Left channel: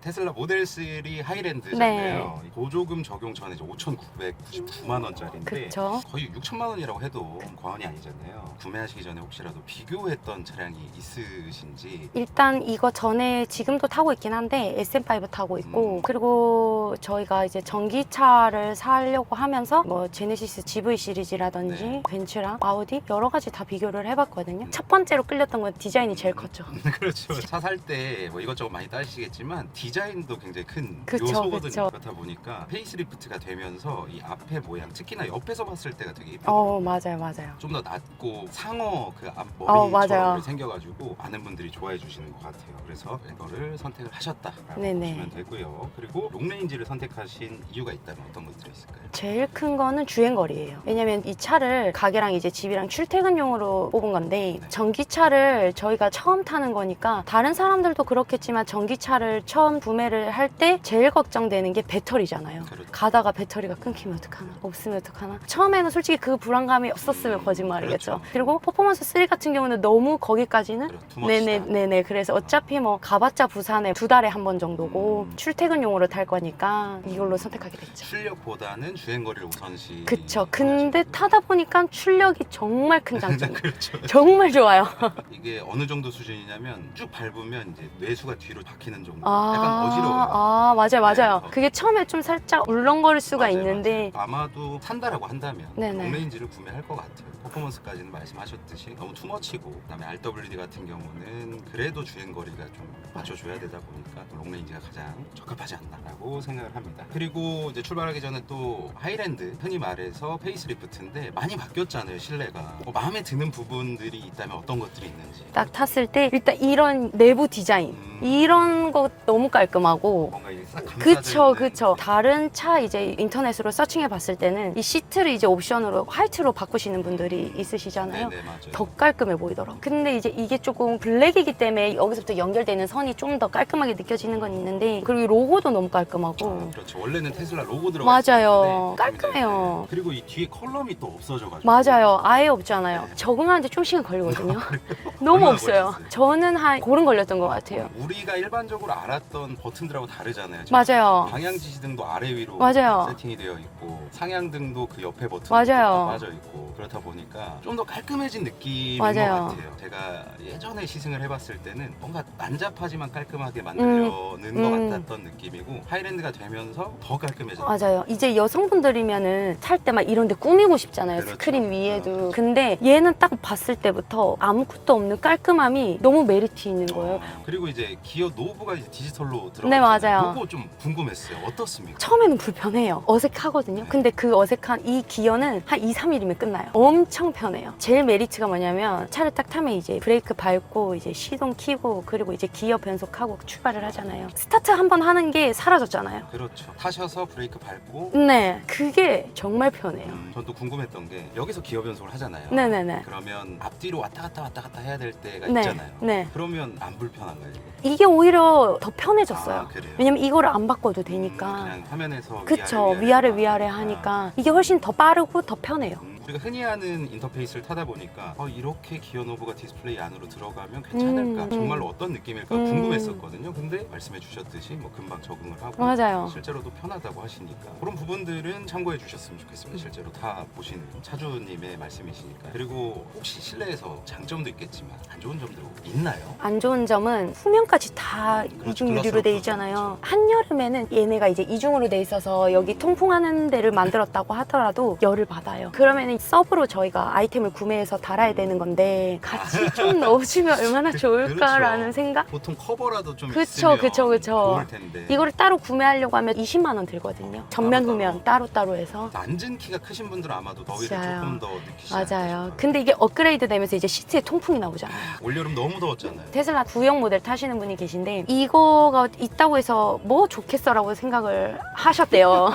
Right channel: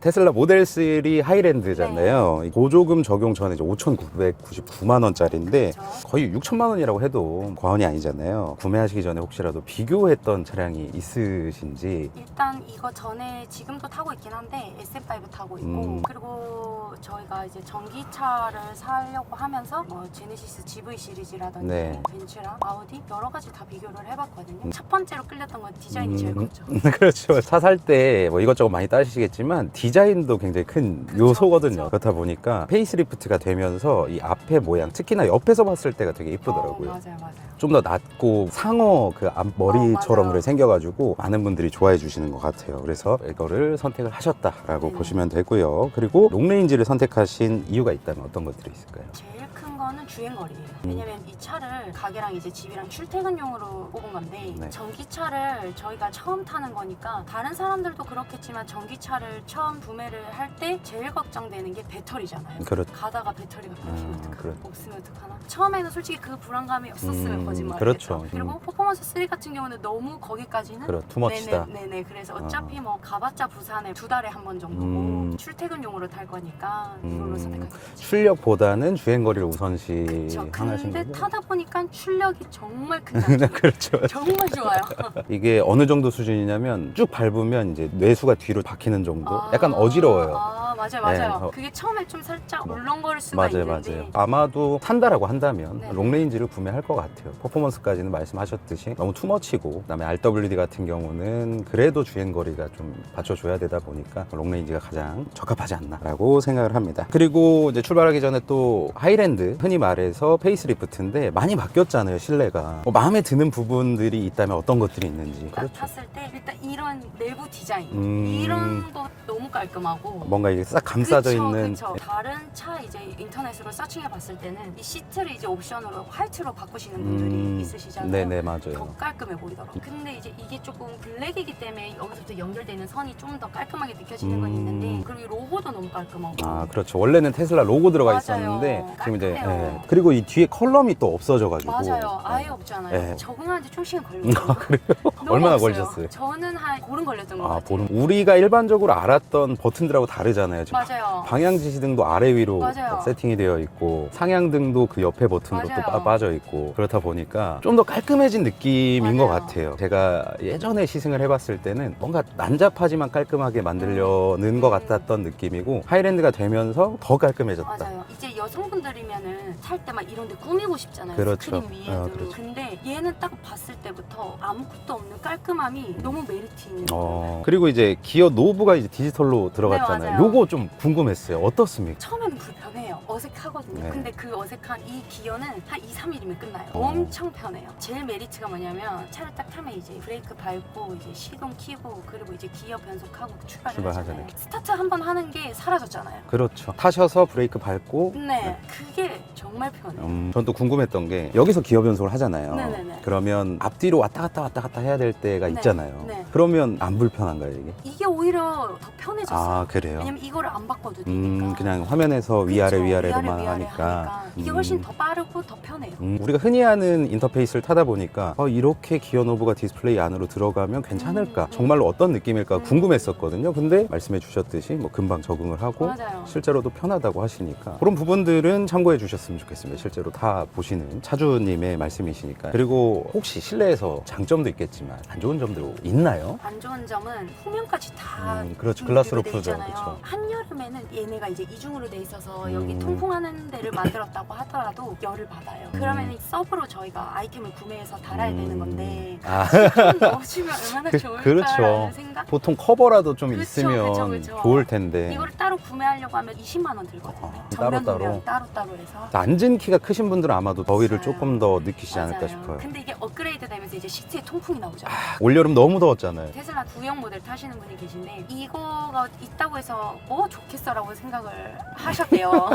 테슬라 모델 3 하이랜드잖아요. 보조금 적용 전에 이제 5,999만 원짜리인데 그쵸. 거의 6천만 원이라고 해도 과언이 아니잖아요. 구매하시기 전에 혹시라도 비교했던 차량이 있으신지. 일단 이거 전에 지금도 타고 있긴 한데 SM5 타고 있고 그리고 저희가 이제 전기차를 사려고 하면서 뭐 제네시스 GV 시리즈라든지 네. 벤츠랑 아우디 여러 가지 다 비교를 해봤거든요. 첫 번째로 끌렸던 건 디자인이 제일 컸죠. 그렇죠. 차 살 때 뭐 이것저것 많이 따지시겠지만 디자인도 굉장히 큰 그쵸, 요소거든요. 그쵸. 그렇다 보니까 페이스리프트가 되면서 이 앞에 모양, 특히나 옆에서 봤을 때가 되게 이쁘더라고요. 맞아요. 좀 더 낮고 상어 그 앞머리처럼 맞아요. 그래 생겨가지고 많은 분들이 좋아해 주시는 것 같아요. 그래서 이거를 선택을 하셨다라고 네네. 보시면 되고요. 그리고 롱레인지를 선택하신 이유가 있다면 어떤 것들이 있을까요? 제일 큰 거는 주행거리예요. 왜냐면 이 차를 가게랑 이제 집이랑 출퇴근용으로 뽑은 건데 네. 전기차를 저희가 처음 타는 거니까 다른 사람들도 그렇겠지만 전기차를 처음 구매를 할 때 제일 걱정되는 게 배터리잖아요. 그렇죠. 가다가 배터리가 끊기면 어떡하나, 그래. 없으면 어떡하나. 처음에는 솔직히 그 불안감이 없었으면 거짓말이겠죠. 그렇죠. 그리고 퍼포먼스 3 같은 경우는 너무 거기까지는 투머치다. 네네. 그래서 어차피 뭐 가봤자 부산에 2달에 한 번 정도고 출퇴근용으로 탈 거니까 이걸로 선택하게 됐죠. 출력보다는 주행거리를 우선시. 그쵸. 근데 하시는군요. 타다 보니까 출력이 정말 큰 장점. 그렇죠. 정말 좋아요. 이게 어느 정도 수준이냐면 쭉 밟으면 이제 뇌수가 뒤로 박히는 정도. 아, 약간 어지러워요. 맞아요. 네, 그게 처음에 좀 살짝 울렁거릴 수가 있는데 아마도 산다라고 한다면 네네. 롱레인지를 구매할 것 같아요. 퍼포먼스까지는 말씀하셨듯이 너무 투머치고, 그다음에 RWD 같은 경우는 그래도 주행거리가 좀 받쳐줘야 되다 보니까 롱레인지가 가장 적합하지 않나라고 생각을 합니다. 그리고 이제 출발하기 전에 또 하이랜드, 흔히 말해서 페이스리프트인데 많이 바뀌었잖아요, 실내가. 마음에 드는 부분들이 있다면 어떤 것들이 있는지. 딱 탔을 때 일단 이런 내부 디자인 이런 거 너무 깔끔하고 뭔가 이게 싹 감싸져 있는. 그쵸. 다른 차 이제 인터넷으로 서칭해 봤을 때는 이 시트를 이제 옵션으로 화이트로 바꾸시는 분들이 있으시잖아요. 네네, 맞아요. 더 깔끔해 보이더라고요. 근데 이제 이게 조금 블랙이기 때문에 여기서부터 연결되는 선이 좀 더 깔끔하게 느껴지는 건 있는데 그리고 이 로고도 너무 깔끔하고 아, 그렇죠. 원래는 테슬라 로고 들어가 맞아요. 있었는데 깔끔해요. 그리고 이 뒤에 컬럼이 또 없어져가지고. 맞아요. 아예 없잖아요. 네. 적응하는데 좀 시간 걸리거든요. 너무 얼마나 없어요. 걸리셨어요? 저는 한 보름 걸렸던 것 같아요. 우리가 일반적으로 알았던 버튼들하고 다르잖아요. 지금 맞아요. 방향 지시등도 아래 위로 맞아요. 세팅이 되어 있고, 상향등도 그 옆에 버튼도 맞아요. 또 빠져 있고, 그렇다 보니까 좀 더 깔끔해진 느낌인 맞아요. 것 같아요. 제가 예전에 시승을 해봤을 때는 뭔가 난잡하지만 깔끔하게 만들려는 것 같았던 느낌이고, 하이랜드가 되면서 더 깔끔해졌다. 맞아요. 이제 여성분들이면은 탈 때 막 이런 데 꾸미고 싶잖아요. 그렇죠. 스크린 위에도. 그렇죠. 근데 얘는 딱 봤을 때부터 아무것도 없는 깔끔함이 너무 메리트 있는 거예요. 그리고 이제 기어 노브가 이제 디지털로 들어갔잖아요. 네, 맞아요. 요거 좀 궁금했어요. 어떻습니까? 처음에는 불편해요. 어색하거든요. 네. 근데 그 어색한 이 기어는 한 2, 3일이면 끝나요. 엄청 편해요. 제일 메리트가 뭐냐면 차를 딱 타면 이제 브레이크 밟고 이제 시동 켜고 그리고 이제 기어 변속하고 출발을 하잖아요. 스타트 한 번 하는 게 사라졌잖아요. 그렇죠. 타셔서 브레이크 밟고. 네. 그게 정말 편해요. 전 또 궁금했던 게, 여기서 기어 변속을 하잖아요. 네네네. 그러면 앞뒤로 왔다 갔다 해야 될 때가 네. 있잖아요. 네. 그러면 안 불편한가요, 이게? 이게 오히려 더 편해졌어요. 아, 그래요? 왜냐면 이거를 안 바꿔도 되니까. 그냥 화면에서 그쵸. 위아래 위아래 하니까 이게 훨씬 더 빠르고 더 편해요. 우리가 흔히 하는 인터페이스를 타다 보니까 이렇게 기어 노브가 디스플레이 안으로 들어가면 괜찮을까? 정말로 어떤 느낌일까 궁금했었거든요. 근데 말씀해 주셨듯이 뭐 금방 적응을 하고 맞아요. 실제로도 편하다고 하시니까 그런 부분들은 참고해 주셨으면 좋겠습니다. 실제로 다 보시는 차주님의 말씀이시니까. 그리고 혹시 실내에서 장점도 있겠지만 안 좋은 점도 있나요? 안 좋은 점은 후면까지 다 그렇죠. 이중 유리로 돼 글라스로프죠. 있잖아요. 그렇죠. 한여름에는 얘네가 이제 이중으로 돼 있어서 여기 통풍하는 데를 만들었다고 하더라도 열을 받아요. 그러면 서브로 저희가 아이템을 구매해서 달아야 되는 건데 같이 좀 넣어주면 얼마나 좋을까라는 그렇죠. 생각? 보통 커버라도 좀 그쵸, 있으면 그쵸. 좋을 텐데. 이거를 따로 구매하려고 하면 20만 원 들거든요. 전면 따로. 후면 따로 해서. 앉은 키가 크신 분들은 아마도 더위를 맞아요. 조금 더 느끼시지 않을까 맞아요. 싶어요. 근데 이게 업그레이드 되면서 이제 시트에 통풍이 나오잖아요. 올여름 너무 더웠잖아요. 테슬라 구형 모델 타시는 분이 계신데 이거가 있다고 해서 뭐 좋겠어라고 생각을 하셨대요.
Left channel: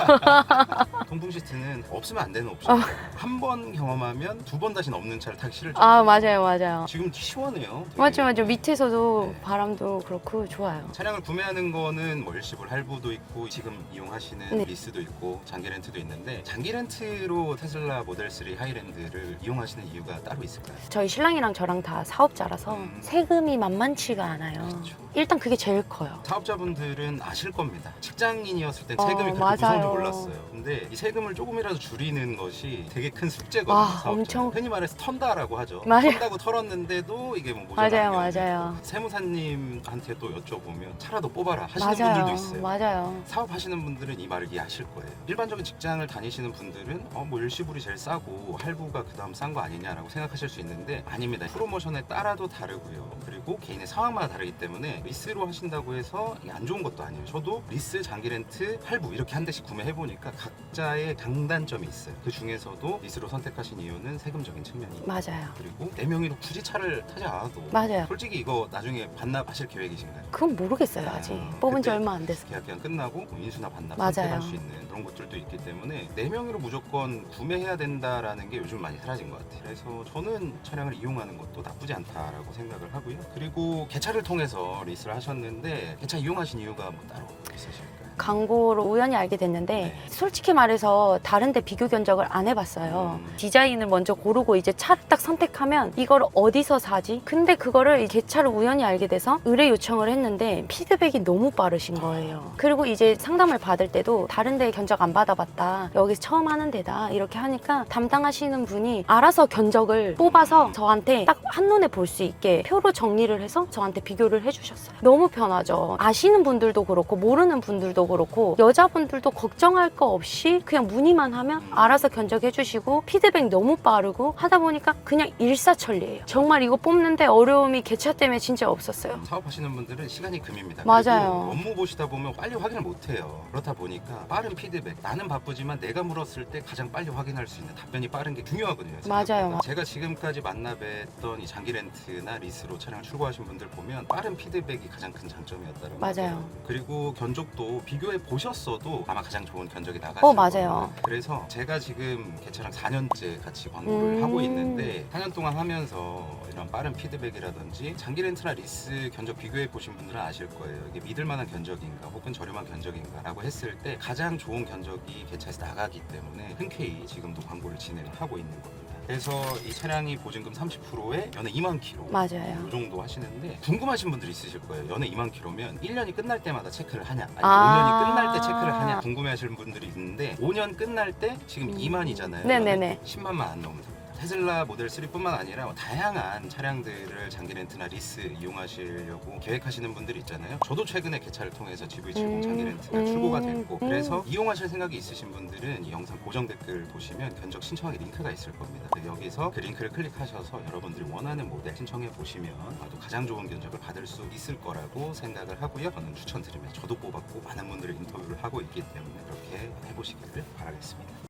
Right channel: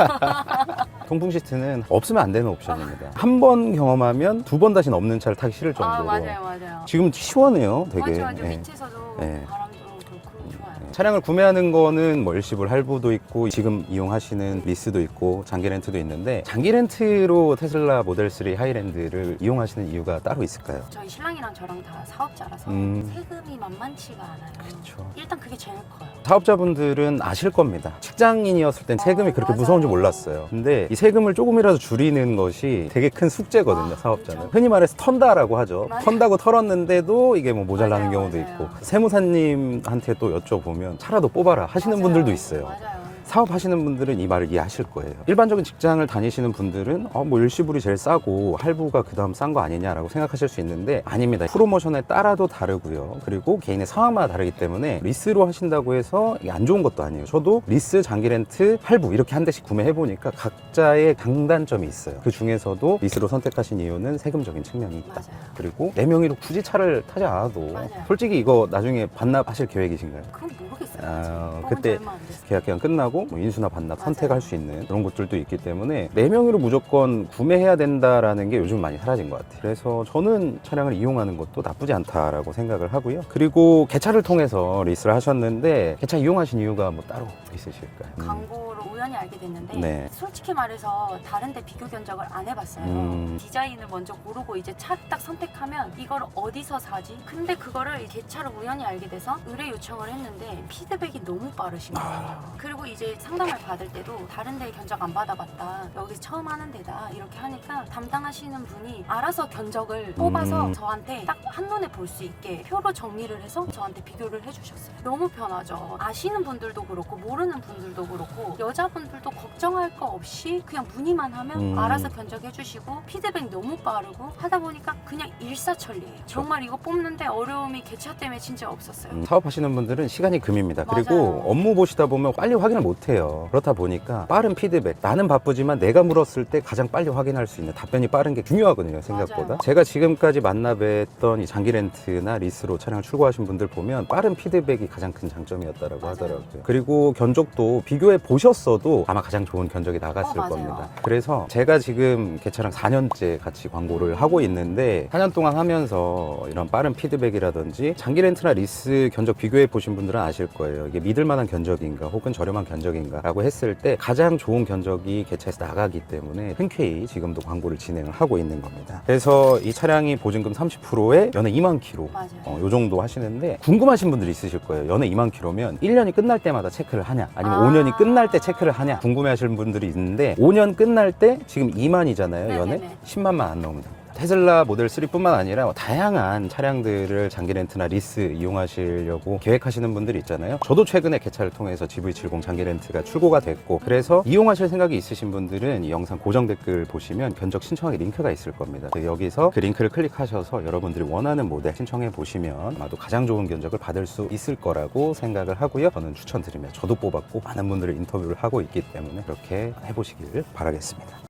통풍 시트는 없으면 안 되는 옵션입니다. 한 번 경험하면 두 번 다시는 없는 차를 타기 싫을 정도로. 아 맞아요. 지금 시원해요. 되게. 맞죠. 네. 밑에서도 네. 바람도 그렇고 좋아요. 차량을 구매하는 거는 뭐 일시불 할부도 있고 지금 이용하시는 네. 리스도 있고 장기 렌트도 있는데, 장기 렌트로 테슬라 모델 3 하이랜드를 이용하시는 이유가 따로 있을까요? 저희 신랑이랑 저랑 다 사업자라서 세금이 만만치가 않아요. 그렇죠. 일단 그게 제일 커요. 사업자분들은 아실 겁니다. 직장인이었을 땐 세금이 그렇게 맞아요. 무서운 줄 몰랐어요. 근데 이 세금을 조금이라도 줄이는 것이 되게 큰 숙제거든요, 사업자. 엄청. 흔히 말해서 턴다라고 하죠. 맞아요. 턴다고 털었는데도 이게 뭐 모자라는 맞아요, 경우도 맞아요. 있고, 세무사님한테 또 여쭤보면 차라도 뽑아라 하시는 맞아요. 분들도 있어요. 맞아요. 사업하시는 분들은 이 말을 이해하실 거예요. 일반적인 직장을 다니시는 분들은 뭐 일시불이 제일 싸고 할부가 그 다음 싼 거 아니냐라고 생각하실 수 있는데 아닙니다. 프로모션에 따라도 다르고요. 그리고 개인의 상황마다 다르기 때문에 리스로 하신다고 해서 이게 안 좋은 것도 아니에요. 저도 리스, 장기 렌트, 할부 이렇게 한 대씩 구매해보니까 각자의 장단점이 있어요. 그 중에서도 리스로 선택하신 이유는 세금적인 측면이 있다. 맞아요. 그리고 내 명의로 굳이 차를 타지 않아도 맞아요. 솔직히 이거 나중에 반납하실 계획이신가요? 그건 모르겠어요, 아직. 아, 뽑은 지 그때 얼마 안 돼서. 계약 기간 끝나고 뭐 인수나 반납 맞아요. 선택할 수 있는 그런 것들도 있기 때문에 내 명의로 무조건 구매해야 된다라는 게 요즘 많이 사라진 것 같아요. 그래서 저는 차량을 이용하는 것도 나쁘지 않다라고 생각을 하고요. 그리고 개차를 통해서 리스를 하셨는데 개차 이용하신 이유가 뭐 따로 있으실까요? 광고를 우연히 알게 됐는데 네. 솔직히 말해서 다른 데 비교 견적을 안 해봤어요. 디자인을 먼저 고르고 이제 차를 딱 선택하면 이걸 어디서 사지? 근데 그거를 이 개차를 우연히 알게 돼서 의뢰 요청을 했는데 피드백이 너무 빠르신 거예요. 그리고 이제 상담을 받을 때도 다른 데 견적 안 받아봤다. 여기서 처음 하는 데다. 이렇게 하니까 담당하시는 분이 알아서 견적을 뽑아서 저한테 딱 한눈에 볼 수 있게 표로 정리를 해서 저한테 비교를 해주셨어요. 너무 편하죠. 아시는 분들도 그렇고 모르는 분들도 그렇고 여자분들도 걱정할 거 없이 그냥 문의만 하면 알아서 견적해 주시고 피드백 너무 빠르고 하다 보니까 그냥 일사천리예요. 정말 이거 뽑는데 어려움이 개차 때문에 진짜 없었어요. 사업하시는 분들은 시간이 금입니다. 맞아요. 그리고 업무 보시다 보면 빨리 확인을 못 해요. 그렇다 보니까 빠른 피드백, 나는 바쁘지만 내가 물었을 때 가장 빨리 확인할 수 있는 답변이 빠른 게 중요하거든요, 생각보다. 맞아요. 제가 지금까지 만나뵀던 이 장기 렌트나 리스로 차량을 출고하신 분들 보면 빠른 피드백이 가장 큰 장점이었다고 맞아요. 하더라고요. 그리고 견적도 비교해 보셨어도 아마 가장 좋은 견적이 나갔을 맞아요. 겁니다. 그래서 제가 지금 개차랑 4년째 같이 광고를 하고 있는데 4년 동안 하면서 이런 빠른 피드백이라든지 장기 렌트나 리스 견적 비교해 보신 분들은 아실 거예요. 이게 믿을 만한 견적인가 혹은 저렴한 견적인가 라고 했을 때 가장 좋은 견적이 개차에서 나가기 때문에 흔쾌히 지금도 광고를 진행을 하고 있는 겁니다. 그래서 이 차량이 보증금 30%에 연에 2만 킬로 맞아요. 요 정도 하시는데 궁금하신 분들이 있으실 거예요. 연에 2만 킬로면 1년이 끝날 때마다 체크를 하냐 아니면 5년이 끝날 때 체크를 하냐 궁금해 하시는 분들이 있는데 5년 끝날 때 지금 2만이잖아요. 네네네. 연에 10만만 안 나오면 됩니다. 테슬라 모델 3뿐만 아니라 다양한 차량들을 장기 렌트나 리스 이용하시려고 계획하시는 분들이 있잖아요. 저도 최근에 개차를 통해서 GV70 장기 렌트가 출고가 됐고 그래서 이용하실 생각이 있으신 분들은 이 영상 고정 댓글 보시면 견적 신청하기 링크가 있을 겁니다. 여기서 그 링크를 클릭하셔서 여러분들이 원하는 모델 신청해 보시면 아마도 가장 좋은 견적을 받을 수 있을 거라고 생각을 하고요. 저는 추천드립니다. 저도 뽑았고 많은 분들이 인터뷰를 하고 있기 때문에 그렇게 해보시기를 바라겠습니다.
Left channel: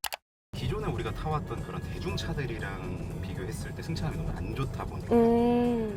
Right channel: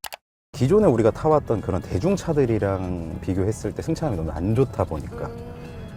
기존에 우리가 타왔던 그런 대중차들이랑 비교했을 때 승차감이 너무 안 좋다 보니까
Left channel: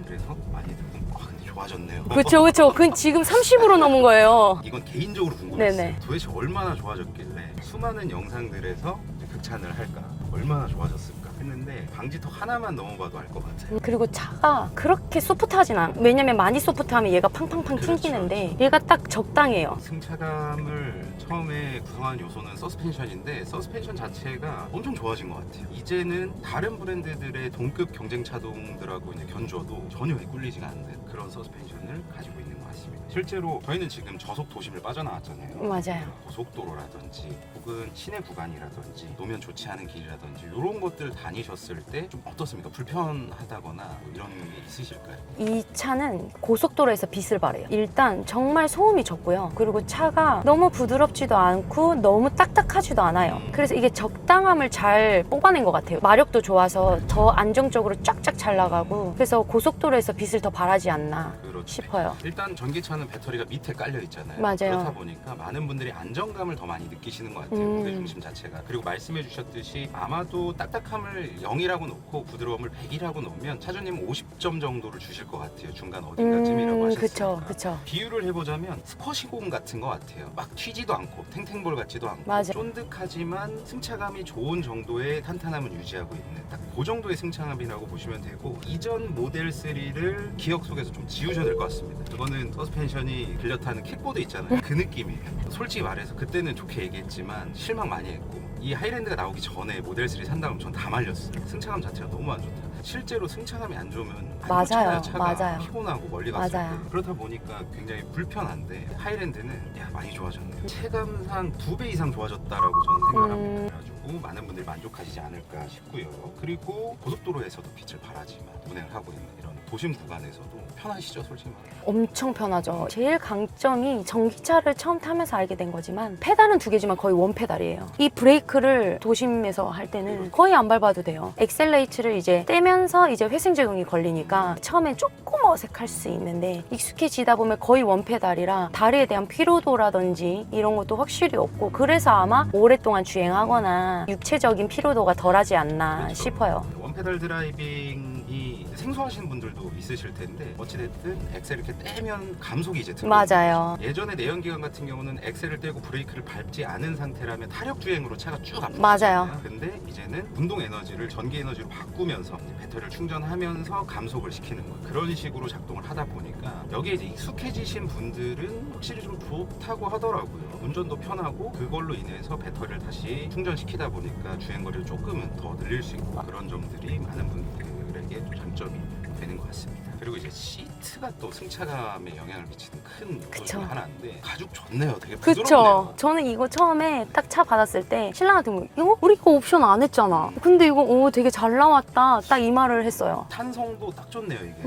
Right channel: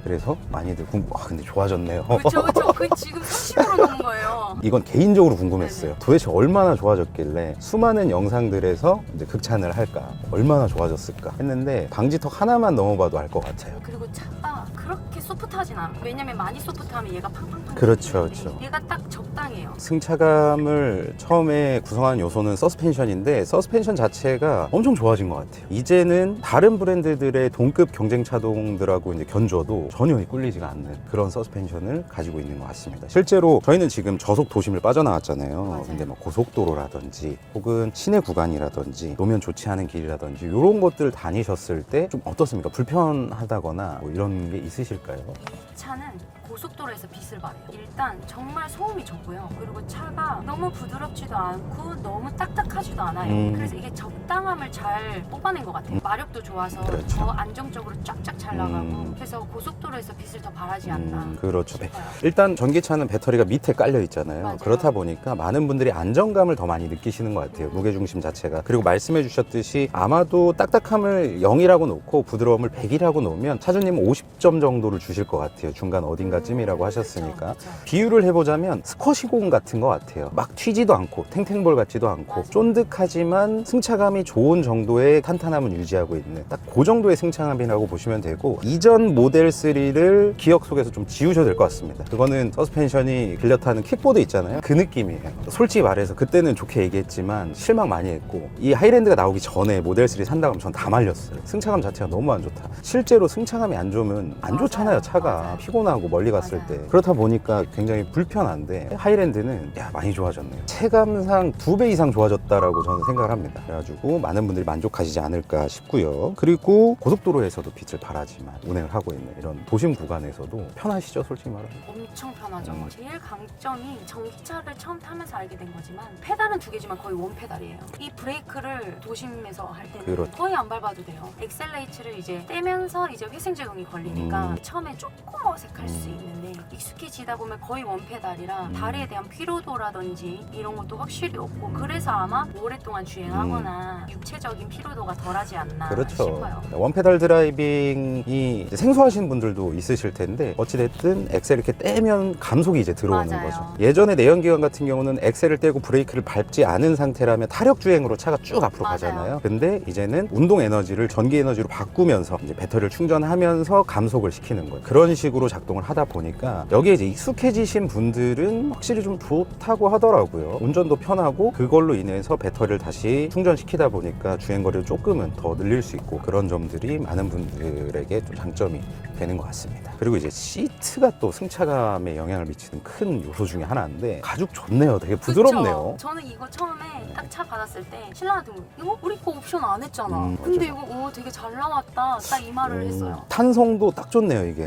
그래서 많이들 근데 좋아졌네요. 그렇죠, 그렇죠. 그건 지금 30으로 넘은 거예요. 이건 개인적으로 궁금했어요. 네네. 도대체 얼마나 좋아졌길래 수많은 영상들에서 이제 극찬을 할까? 얼마나 좋아졌을까? 했는데 방지턱 하나만 넘어봐도 알 것 같아요. 그리고 차가 그렇게 소프트하진 않아. 왜냐면 많이 소프트하면 얘가 팡팡팡 그렇죠, 튀기는데 그렇죠. 얘가 딱 적당해요. 승차감을 처음에 구성하는 요소는 서스펜션인데 서스펜션 자체가 엄청 좋아진 것 같아요. 이제는 다른 브랜드들의 동급 경쟁 차종들하고 이제 견줘도 전혀 꿀리지가 않는 그런 서스펜션을 가지고 있는 것 같습니다. 실제로 저희는 지금 저속 도심을 빠져나왔잖아요. 맞아요. 근데 뭐 고속도로라든지 혹은 시내 구간이라든지 노면 좋지 않은 길이라든지 이런 것들 다니셨을 때 좀 어떻습니까? 불편하다거나 뭐 이런 게 있으실까요? 이 차는 고속도로에서 빛을 발해요. 일단 정말 소음이 적고요. 그리고 차가 너무 부드럽지도 않고 너무 딱딱하지도 않아요. 그래서 이게 적당함을 잘 뽑아낸 것 같아요. 마력도 좋아서 더 안정적으로 쫙쫙 잘 나가고 그래서 고속도로에서 빛을 더 발하지 않나 그렇죠. 싶어요. 일단 전기차는 배터리가 밑에 깔려 있잖아요. 맞아요. 그렇다 보니까 많은 분들이 안정감을 더 많이 느끼시는 것 같아요. 무게중심 자체가. 그리고 말씀해 주셨듯이 아마도 딱딱함을 0이라고 놓고 부드러움을 100이라고 놓으면 차주님은 50점 정도를 주실 것 같아요. 중간 어딘가쯤이라고 하셨으니까. 그쵸. 비유를 해보자면 스쿼시공 같은 것 같아요. 막 튀지도 않고 탱탱볼 같지도 않고 맞아요. 쫀득하지만 승차감이 좋은 정도의 탄탄함을 유지하고 있는 딱 그 정도의 승차감이라고 보시면 되고 이전 모델 3 3를 기억 속에서 좀 지우셔야 될 것 같습니다. 그거는 서스펜션이 들려타는 킥보드 있잖아요. 그 느낌이에요. 솔직히 말해서 그때는 좋게 얘기했지만 실망 많이 했고, 이 하이랜드가 나오기 전에 모델 3 산다고 하면 전 다 말렸어요. 승차감 자체가 너무 안 좋다. 실제로 승차감이 안 좋으면 안 맞아요. 좋잖아요. 차가 맞아요. 피곤하고 멀리 갔을 맞아요. 때. 그렇다 보니까 굉장히 불편한데, 하이랜드는 많이 좋아졌네요. 체감상 2배 이상 좋아졌다라고 저는 생각을 합니다. 그래가지고 많은 분들이 만족하시지 않을까 싶고요. 그리고 고속도로에서도 빛을 발하지만 운행을 하고 있는 이런 도심 구간에서도 편하시죠, 솔직히 말하면. 엄청 편하죠. 제일 강점이 전기차를 처음 타면서 알게 된 거지만 페달은 2개지만 거의 원페달이에요. 이 브레이크를 도심에서 할 때는 그렇죠. 거의 안 밟아도 돼요. 엑셀레이트를 이제 떼면서 이제 회생 적용이 걸리니까 처음엔 조금 어색할 수 있는데 익숙해지다 보면 거의 원페달이라 다리에 대한 피로도라든지 이런 것도 확실히 없고, 그래서 아마 오랫동안 주행하거나 육체적인 피로도가 덜하지 않나 그렇죠. 싶어요. 원페달 드라이빙이 이제 생소하신 분들도 있으실 텐데, 어찌됐든 엑셀 이렇게 떼면 감속이 이제 들어오는 맞아요. 거죠. 예전에 내연기관 같은 경우는 엑셀을 떼고 브레이크를 밟지 않은 상태라면 타력 주행으로 차가 쭉 앞으로 맞아요. 가잖아요. 근데 이제는 운동 에너지를 전기 에너지로 바꾸면서 이제 배터리를 충전하면서 감속을 시키는 거예요. 그런 식으로 작동을 하다 보니까 여기에 이제 익숙해지신 분들은 확실히 좀 좋다고 하더라고요. 운전도 편하고, 그걸로 인해서 배터리를 다시 충전시키다 보니까 주행거리를 조금은 더 늘릴 수 있고, 그런 점들이 많은 분들에게 또 장점이 되는 것 같습니다. 그리고 이제 시트가 또 승차감에 영향을 미치는 큰 요소 중에 하나인데, 가죽 좋네요. 되게 부드럽네요. 그쵸? 저는 이거 처음에 딱 차 받았을 때 신랑한테 뭐, 이거 우리 거 옵션 안 했잖아. 근데 이거 되게 잘 나왔다. 딱 이 말을 했어요. 탄성도 딱 좋네요, 이게.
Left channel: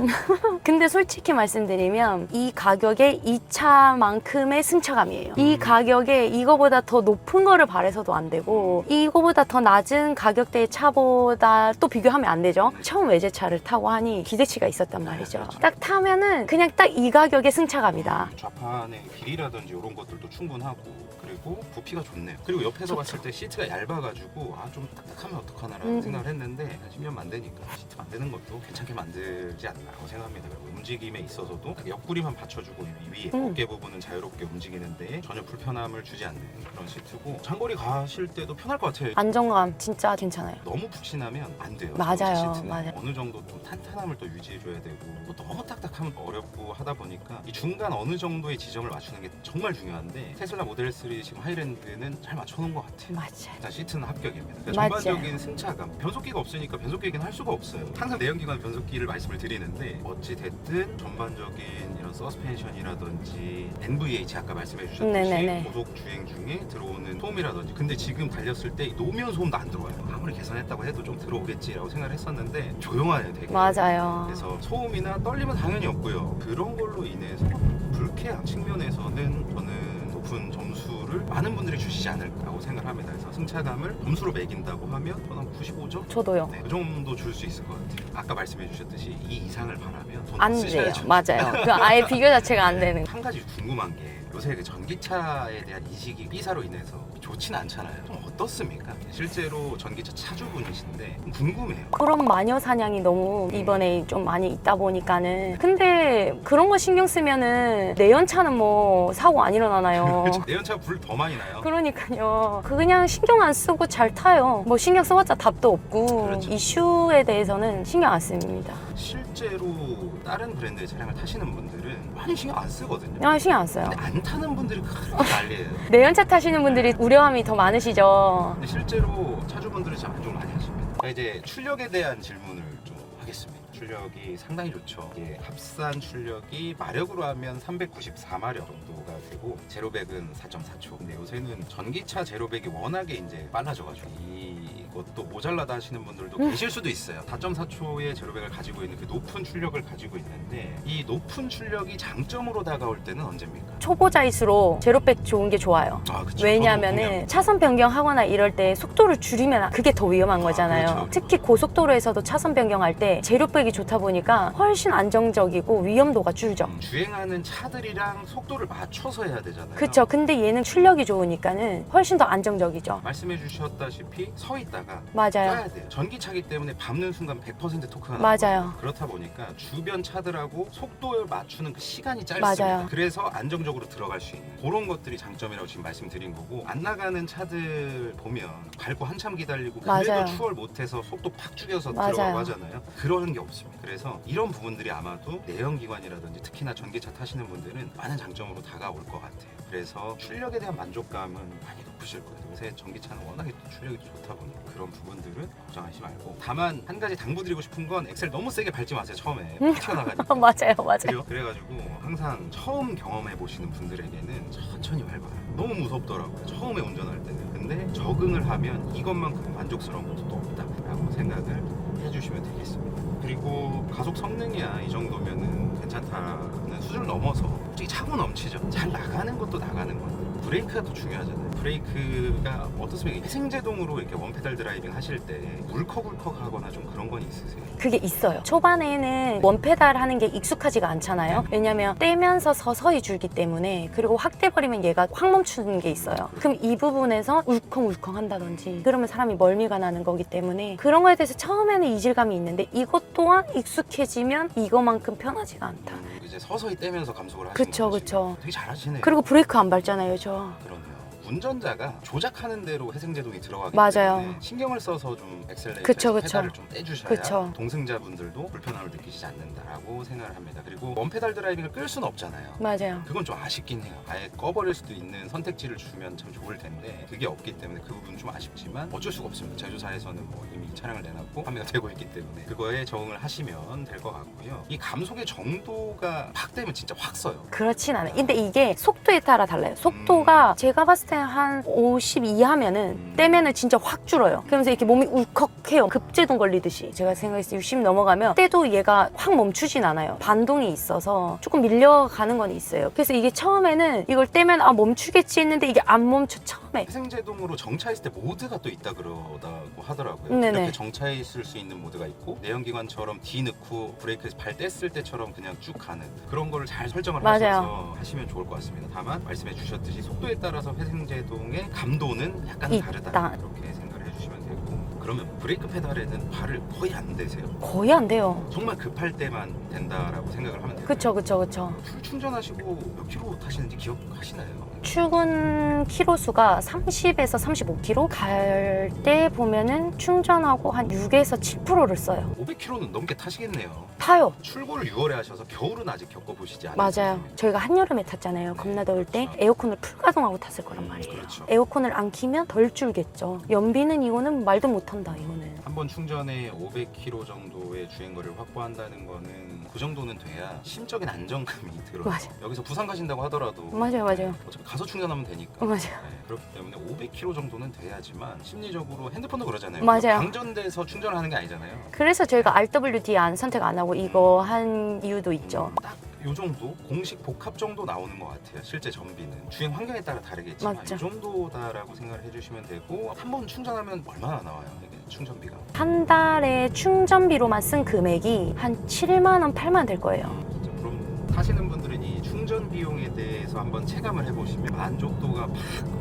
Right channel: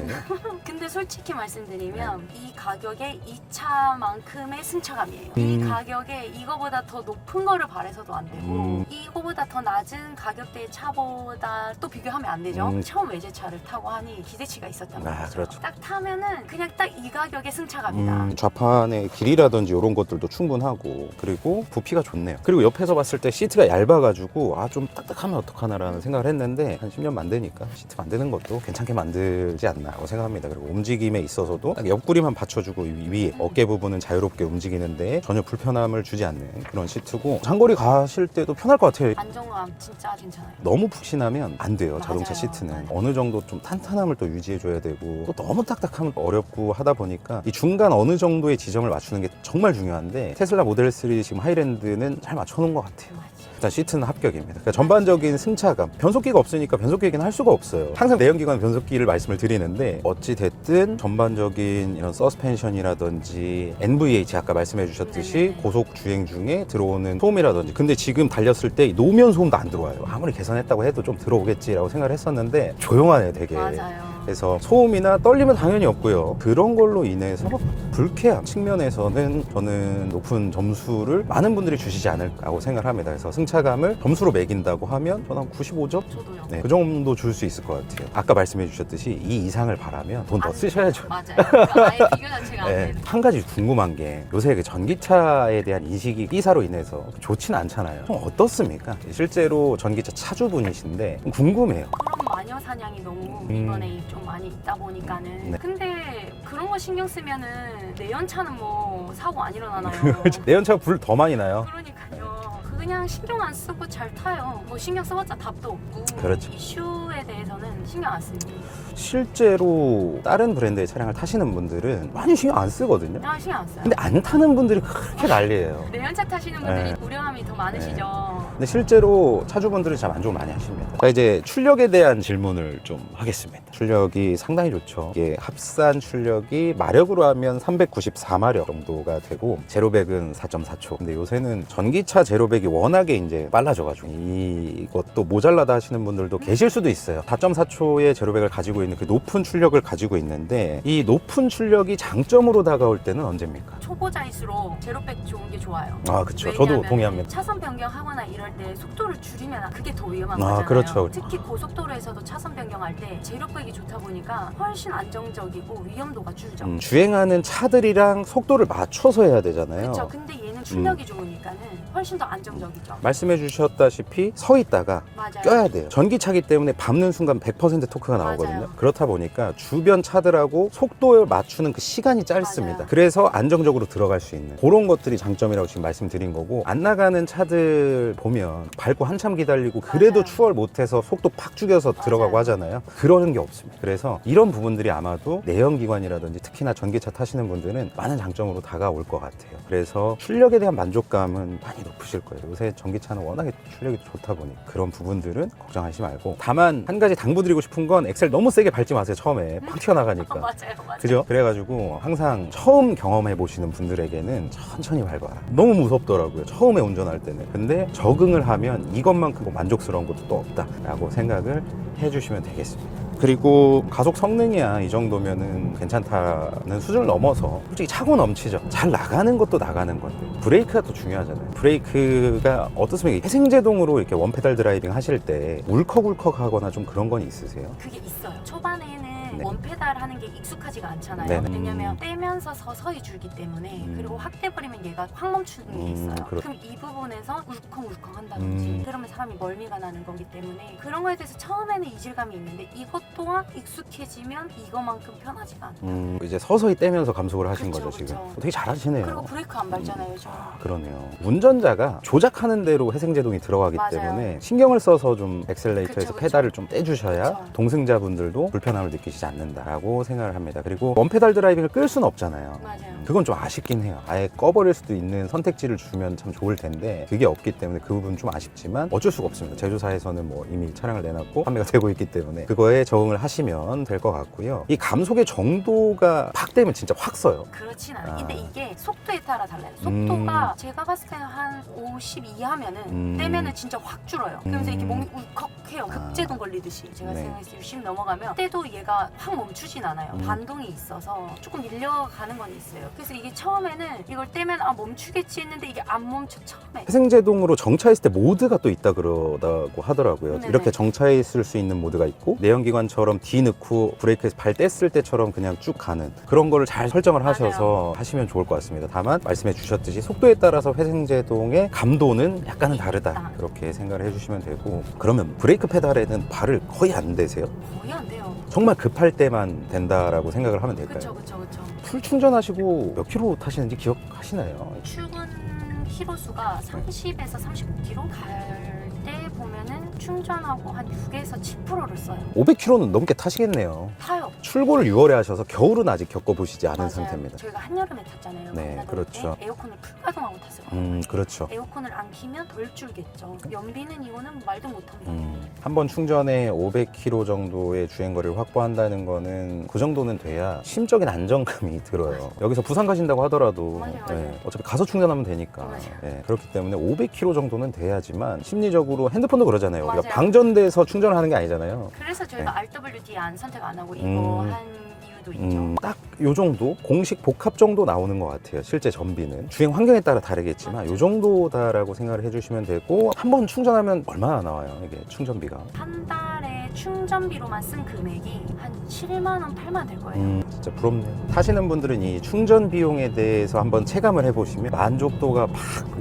근데 솔직히 말씀드리면 이 가격에 이 차만큼의 승차감이에요. 이 가격에 이거보다 더 높은 거를 바래서도 안 되고, 이거보다 더 낮은 가격대의 차보다 또 비교하면 안 되죠. 처음 외제차를 타고 하니 기대치가 있었단 말이죠. 그렇죠. 딱 타면은 그냥 딱 이 가격의 승차감이다. 좌판의 길이라든지 이런 것들도 충분하고, 그리고 부피가 좋네요. 그리고 옆에서 봤을 때 시트가 얇아가지고 좀 딱딱하면 어떡하나라는 생각을 했는데, 한 10년 만드니까 시트 만드는 것도 괜찮게 만들지 않나라고 생각합니다. 그리고 움직임에 있어서도 딱 옆구리만 받쳐주고 위에 어깨 부분은 자유롭게 움직이는데 전혀 불편함을 주지 않는 그런 시트고, 장거리 가실 때도 편할 것 같아요. 안정감 진짜 괜찮아요. 너무 푹신하면 안 돼요. 자동차 맞아요. 시트는 맞아요. 어느 정도 좀 탄탄함을 또 유지해줘야 되고, 또 너무 딱딱하면 또 어렵고 하다 보니까 이 중간 어느 정도의 지점을 맞추는 게 정말 중요한데, 테슬라 모델 3 지금 하이랜드는 잘 맞춰놓은 것 같아요. 맞아요. 일단 시트는 합격입니다. 그러니까 맞아요. 전반적인 승차감, 변속기가 없으니까 변속기 얘기는 할 수가 없어요. 항상 내연기관 변속기를 말씀을 드리는데, 어찌 됐든 전반적인 이런 서스펜션이라든지 NVH 아까 말씀해 주셨듯이 네네네. 고속 주행 중에 들어오는 소음이라든지, 근데 지금 달렸을 때 노면 소음도 안 들어와요. 아무리 개선했다고 해도 좀 들어오겠지라고 생각을 했었는데 조용하네요, 되게. 맞아요. 그래서 소음이나 떨림은 당연히 없고요. 그런 걸로 인해서 불쾌한 측면에서는 저는 높은 점수를 많은 분들이 주시지 않을까라고 생각을 합니다. 그래서 승차감을 점수로 매긴다고 하면 저는 한 95점? 저도요. 네, 그 정도 줄 수 있을 것 같아요. 아까 말씀해 주셨듯이 이 이상을 바라면 돈 더 안 돼요. 쓰셔야죠. 맞아요. 그 아예 비교 자체가 안 네, 되는. 한 가지 궁금한 게, 요새 그 전기차에 대한 인식이 B사로 인해서 좋지는 않잖아요. 좀 어떻습니까? 실제로 전기차 차주분이신데 궁금해요. 그런 마녀 사냥이 너무 이번에 좀 많이 있다 보니까는. 네. 근데 그런 거 신경 쓰면은 내연차는 뭐 사고 안 일어나나요? 내연차가 불 더 많이 나요. 그러니까요. 그냥 신경 안 쓰고 잘 타요. 뭐 신경 써봤자 답도 없고. 그렇죠. 이슈에 대해서는 신경 안 씁니다. 실제로 다른 브랜드의 차량을 타시는 분들은 많이 신경 안 쓰거든요. 그냥 신경 안 써요. 근데 안 타는 분들이 그렇게 난리예요. 내연차 타시는 분들이 네. 우려함이 더 많으시죠. 근데 실제로 차주분들은 잘 만족을 많이 하십니다. 자, 이제 출력에 대한 질문을 좀 하겠습니다. 출력이 상당히 좋죠. 이게 합산 출력이 마력으로 하면 394마력 정도가 되고, 제로백은 4.4초. 근데 요새는 전기차 제로백이 워낙에 이제 빨라져가지고 이것도 모자라다 하시는 분들도 계실 수도 있어요. 4.4초의 제로백을 가지고 있는 그 높은 출력을 가지고 있는데, 이 높은 출력이 장점으로 다가올 때는 언제입니까? 초보자일수록 제로백 좋은 게 좋아요. 아, 그쵸. 저도 왜냐하면 동의합니다. 차선 변경하거나 이럴 때 속도를 줄이면 그게 더 위험한 아, 거잖아요. 그렇죠. 특히 고속도로에서도 차선 변경할 때 제로백이 좋다 보니까 훨씬 안정적이고 위험도가 줄죠. 주행하는 차들이랑 속도를 맞춰서 해야 되잖아요. 그렇죠. 근데 얘는 출력이 좋으니까는 훨씬 더 안정적이죠. 말씀해 주셨다시피 서 있다가 맞아요. 껴야 돼요. 전기차기 때문에 밟는 순간 100% 토크가 나오거든요. 맞아요. 그렇다 보니까 주변 차들하고 속도를 맞추는 그 시간이 짧습니다. 맞아요. 그래서 안정적으로 들어갈 수 있는 그런 것들이 장점이라고 지금 말씀드린 거고, 안 나가는 차들 보면 밟고 한참 기다리고 그래도 맞아요. 추월 못해서 속도 팍 죽여서 맞아요. 들어가고 하잖아요. 그러는 게 없어요. 없습니다. 그래서 이런 부분들이 아마도 내연기관이라든지 특히나 전기차 타시는 분들은 많은 장점으로 다가올 것 같아요. 그래서 출력에 대한 만족감은 많이 높으실 거예요. 요새 전기차는 워낙에 출력이 좋다 보니 그런 부분들은 걱정하지 말고, 다만 한 가지 당부드리고 싶은 건 엑셀 너무 세게 밟지 마세요. 처음에 팍 튀어나가니까. 맞아요, 맞아요. 그죠? 그래가지고 항상 처음 경험해 보시는 분들에게는 천천히 밟아라. 너무 무섭더라고요. 처음에 운전할 때는. 근데 적응을 하면 이것만큼 만족스러운 것도 또 없다라고 생각을 해주시면 되겠습니다. 그리고 가속 성능이야 이 정도면은 괜찮다는 수준을 넘어서 솔직히 차고 넘치죠. 잘 나가는 것도 나가는 건데 브레이크가 더 중요하잖아요. 브레이크가 어떻습니까? 회생제동으로 이렇게 원페달 드라이빙 하실 때 울컥울컥 하거나 좀 그런 건 있으세요? 그게 있어요. 초반에는 원페달 하는 게 익숙하지가 않잖아요. 네. 왜냐면 떼면서 서서히 줄기 때문에, 그리고 확 떼버리면 얘가 확 멈추는 게 있어요. 그렇죠. 그럼 이 부분에서 울컹울컹 한다든지 그러면 사람이 멀미가 나는 거기 때문에 그런 거에 대해서 처음에는 이질감이 있는데 이것 또한 익숙해지면 이거만큼 편하지가 않다. 이제 서서히 떼면서 감속을 하시는 그쵸, 거죠, 지금. 그쵸. 되게 잘하시네요. 그리고 브레이크 안 밟잖아요, 저. 그러네요. 운전자가 조작하는 대로 회생제동이 들어가기 맞아요. 때문에 신경을 써서 좀 엑셀레이터에서 그쵸, 그쵸. 페달을 좀 떼주셔야 그쵸. 동승자분들도 불편함을 느끼시지 않는다라고 생각을 합니다. 그리고 원페달 드라이빙을 끌 수는 없잖아요. 맞아요. 그건 좀 아쉽긴 해요. 아예 꺼버릴 수도 있는 선택지를 주면 참 좋을 텐데 그게 없기 때문에 그 부분 좀 아쉽지만 어쩔 수가 없습니다. 제조사에서는 뭐 이미 차량을 내놨고 판매가 되고 있기 때문에 그거에 적응을 하시면 될 것 같고요. 이 감속의 정도가 팍 되면 진짜 확 써요. 그렇진 않아요. 근데 이게 속도에 따라 달라요. 속도가 제가 봤을 때 한 50 이하면은 떼면은 진짜 확 줄어요. 그러면서 이렇게 몸이 울컥해요. 급제동 걸리듯이. 제가 네. 생각했을 때 60 넘어가면 때도 얘가 확 멈추진 않아요. 반동이 있어서 조금 밀려가는 건 있어요. 그래서 이게 처음에는 이걸 떼면 아 멈추겠지 했는데 이게 안 멈춰 처음에. 회생제동으로 정차했을 때 모드가 또 있다 그러다고 하더라고요. 네네. 이렇게 정차했을 수 있는 모드가 있고 내연기관처럼 뒤 넣고 브레이크에서 발 뗐을 때처럼 그냥 쭉 가는 그런 거를 잘 설정을 맞아요. 하셔서 하시면 좋을 것 같습니다. 다만 말씀해 주셨듯이 속도에 따라서 회생제동의 감도는 약간은 있다. 다르다. 그렇게 생각을 해주시면 되고, 그러면 브레이크 페달에는 발을 거의 안 대세요. 거의 안 돼요. 정말 급할 때만 된다라고 생각을 하면 될까요? 그쵸, 그쵸, 그쵸. 풀 충전하시고 몇 킬로 타시는지 기억하시나요? 출근 키로수가 30에서 35km 갈 때 보면은 충전하고 한 6에서 7%를 써요. 500킬로는 넘게 타시겠네요. 타요. 출고를 6월에 하셔서 겨울은 아직 겪어보시지 않은 맞아요. 상태입니다. 저희가 한여름에 탔잖아요. 네, 겁나 더울 그렇죠. 때 에어컨을 풀가동하고 탔을 거란 말이에요. 그렇죠. 에어컨을 안 키면 덜 줄겠죠. 연비는 이거는 말도 못한다. 이거는. 한 번 충전에 500km 정도의 주행거리를 확보한다는 거는 그 정도는 돼야 심적인 안정감이 들어요. 맞아요. 여기서 부산 가신다고 하더라도 맞아요, 맞아요. 어차피 가서 충전하면 되니까. 맞아요. 그렇기 때문에 500km 정도는 돼야지만 심리적으로 핸드폰도 그러잖아요. 맞아요. 우리가 방전돼서 충전하는 게 아니잖아요. 그래서 저희가 네. RWD 선택 안 하고 이거 음. 한 이유도 있죠. 딱 요 정도 공식 복합 정도 나오는 것 같아요. 실제 전비는 주행 환경에 따라 다르겠지만 맞죠. 요 정도다라고 생각을 해주시면 되고, 한 번 충전하면 얼마나 나와요? 이게 충전비가? 한 달에 충전비로만 쓴 금액이 한 7만 원, 8만 원 될 거예요. 진짜 부럽네요. 타시는 분들은 이 충전 비용에 대해서 한번 체감을 해보시면 만족도가 팍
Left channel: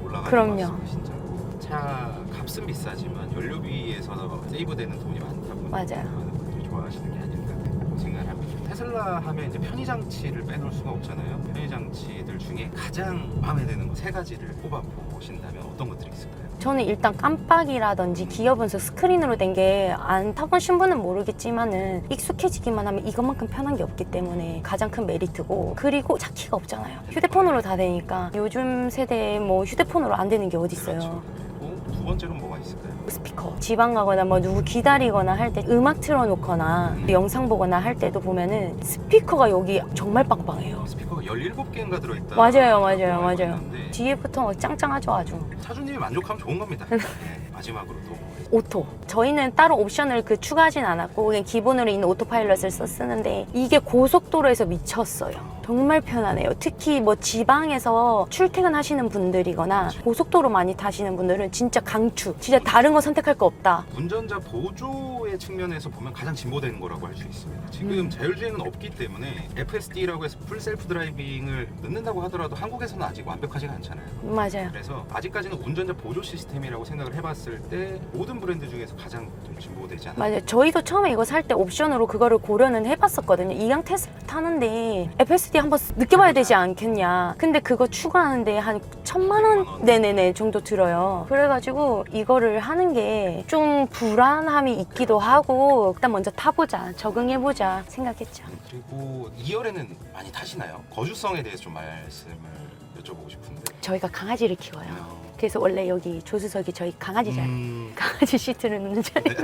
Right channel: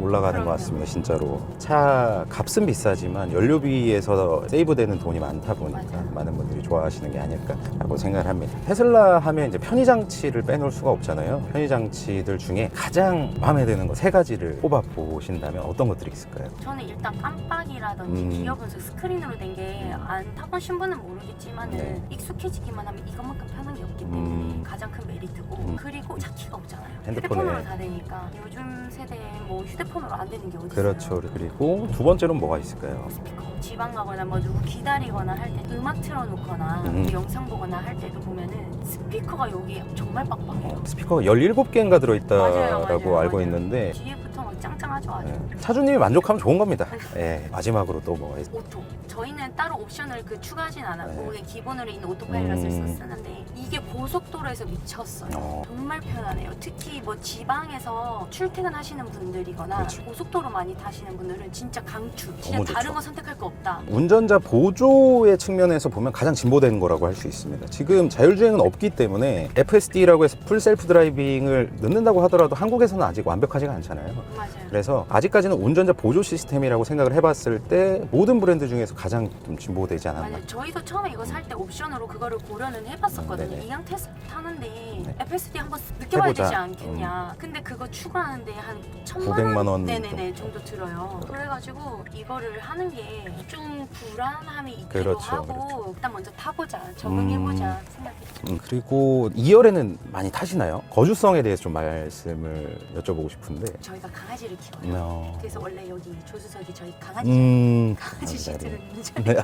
올라가는 그럼요. 것 같습니다. 진짜로. 차 값은 비싸지만 연료비에서 세이브되는 돈이 많다 보니 맞아요. 많은 분들이 좋아하시는 게 아닐까라고 생각을 합니다. 테슬라 하면 이제 편의장치를 빼놓을 수가 없잖아요. 편의장치들 중에 가장 마음에 드는 거 3가지를 꼽아보신다면 어떤 것들이 있을까요? 저는 일단 깜빡이라든지 기어 분석 스크린으로 된 게 안 타보신 분은 모르겠지만은 익숙해지기만 하면 이것만큼 편한 게 없기 때문에 가장 큰 메리트고, 그리고 차키가 없잖아요. 휴대폰으로 다 되니까 요즘 세대에 뭐 휴대폰으로 안 되는 게 어디 있어요. 그렇죠. 그리고 두 번째로는 뭐가 있을까요? 스피커. 지방 가거나 뭐 누구 기다리거나 할 때 음악 틀어놓거나 영상 보거나 할 때도 보면은 스피커가 여기 정말 빡빡해요. 스피커가 17개인가 들어있다고 맞아요, 알고 맞아요. 있는데 뒤에부터 막 짱짱하죠, 아주. 차주님이 만족하면 좋은 겁니다. 마지막으로 또 뭐 오토. 저희는 따로 옵션을 추가하진 않았고 그냥 기본으로 있는 오토파일럿을 쓰는데 이게 고속도로에서 미쳤어요. 정말 편하네요. 특히 뭐 지방에서 출퇴근하시는 분들이거나 그렇죠. 고속도로 많이 타시는 분들은 진짜 강추. 진짜 너무 다른 거 선택할 거 없다. 운전자 보조의 측면에서 보면 가장 진보된 거라고 할 수 있습니다. 지금 자율주행은 없기 때문에 FSD라고 해서 풀 셀프 드라이빙을 넣는다고 하더라도 한국에서는 아직 완벽하지가 않잖아요. 맞아요. 그래서 아직까지는 운전자 보조 시스템이라고 생각을 해봤을 때 모든 브랜드 중에서 가장 가장 좀 진보되지 않았나. 맞아요. 저희도 처음에 이거 살 때 옵션으로 그거를 고려는 해봤었거든요. 이양 테스트 타는데 FSD 한번 느껴봐야 해보자. 되지 않겠냐. 근데 그거 추가하는데 한 1,000만 900만 원. 네네네 정도 들어요. 그래가지고 이거를 하는 게 좀 불안함이 있기도 그렇죠. 하고 일단 먼저 타보자, 적응해보자 생각했죠. 그리고 2열에는 많이 타시나요? 거주성에 대해서 좀 말씀을 여쭤보고 싶은데. 저희가 강아지를 키워요. 어. 그래서 원래 여기 조수석이 저희 강아지잖아요. 강아지 시트를 운전해요.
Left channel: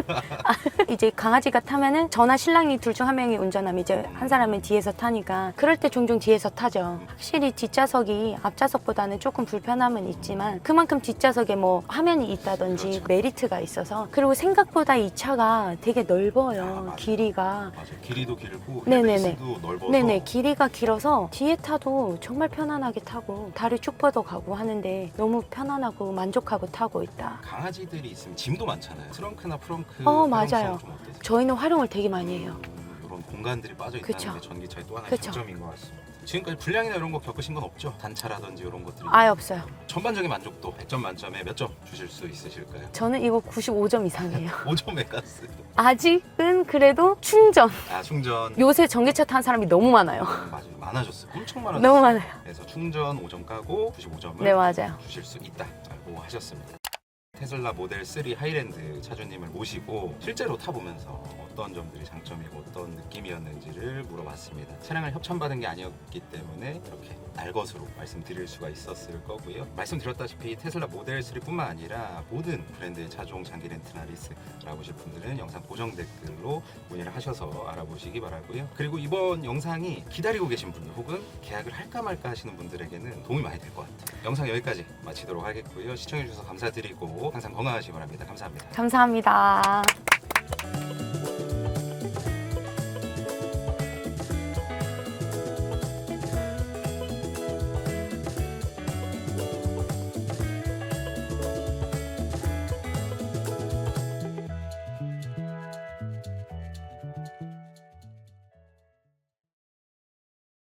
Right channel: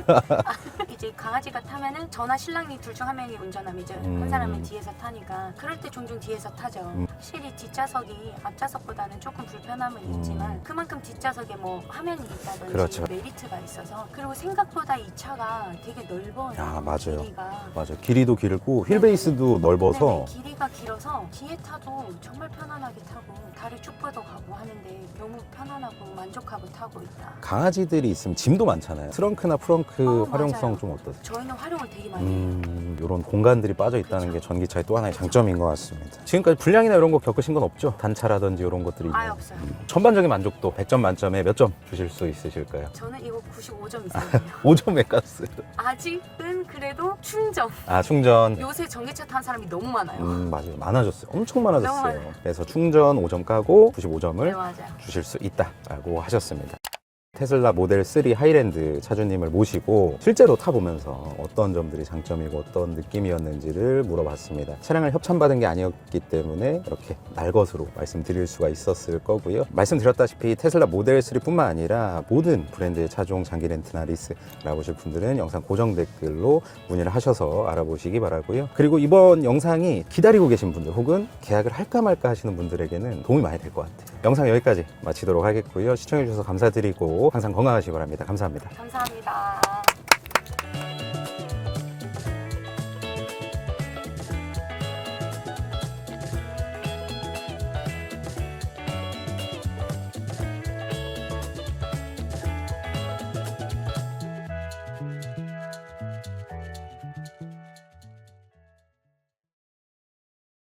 이제 강아지가 타면은 저나 신랑이 둘 중 한 명이 운전하면 이제 한 사람은 뒤에서 타니까 그럴 때 종종 뒤에서 타죠. 확실히 뒷좌석이 앞좌석보다는 조금 불편함은 있지만 그만큼 뒷좌석에 뭐 화면이 있다든지 그렇죠. 메리트가 있어서 그리고 생각보다 이 차가 되게 넓어요. 아, 맞아요. 길이가. 맞아요. 길이도 길고 네네네. 휠베이스도 넓어서 네네, 길이가 길어서 뒤에 타도 정말 편안하게 타고 다리 쭉 뻗어 가고 하는데 너무 편안하고 만족하고 타고 있다. 강아지들이 있으면 짐도 많잖아요. 트렁크나 프렁크 어, 활용성 맞아요. 좀 어떠세요? 저희는 활용을 되게 많이 해요. 이런 공간들이 빠져 있다는 그쵸. 게 전기차의 또 하나의 그쵸. 장점인 것 같습니다. 지금까지 불량이나 이런 거 겪으신 건 없죠? 단차라든지 이런 것들이. 아예 없어요. 전반적인 만족도 100점 만점에 몇 점 주실 수 있으실까요? 저는 이거 95점 이상이에요. 5점에 갔어요. 아직은 그래도 충전. 아, 충전. 요새 전기차 타는 사람이 너무 많아요. 맞아요. 많아졌어요. 엄청 많아졌어요. 너무 많아요. 그래서 충전 5점 까고 95점을 네, 맞아요. 주실 수 있다라고 하셨습니다. 테슬라 모델 3 하이랜드 차주님을 모시고 실제로 타보면서 어떤 점들이 장점이고 어떤 느낌이었는지를 물어봤습니다. 차량을 협찬받은 게 아니었기 때문에 이렇게 날것으로 말씀드릴 수가 있었을 거고요. 말씀드렸다시피 테슬라 모델 3뿐만 아니라 모든 브랜드의 차종 장기 렌트나 리스 알아보실 분들은 영상 고정 댓글로 문의를 하셔서 알아보시기 바라고요. 그리고 이번 영상이 기다리고 계신 분들 혹은 계약을 할까 말까 하시는 분들에게는 도움이 많이 될 것 같아요. 영상 여기까지 마치도록 하겠고요. 시청해주셔서 감사드리고 항상 건강하시기 바랍니다. 감사합니다. 감사합니다.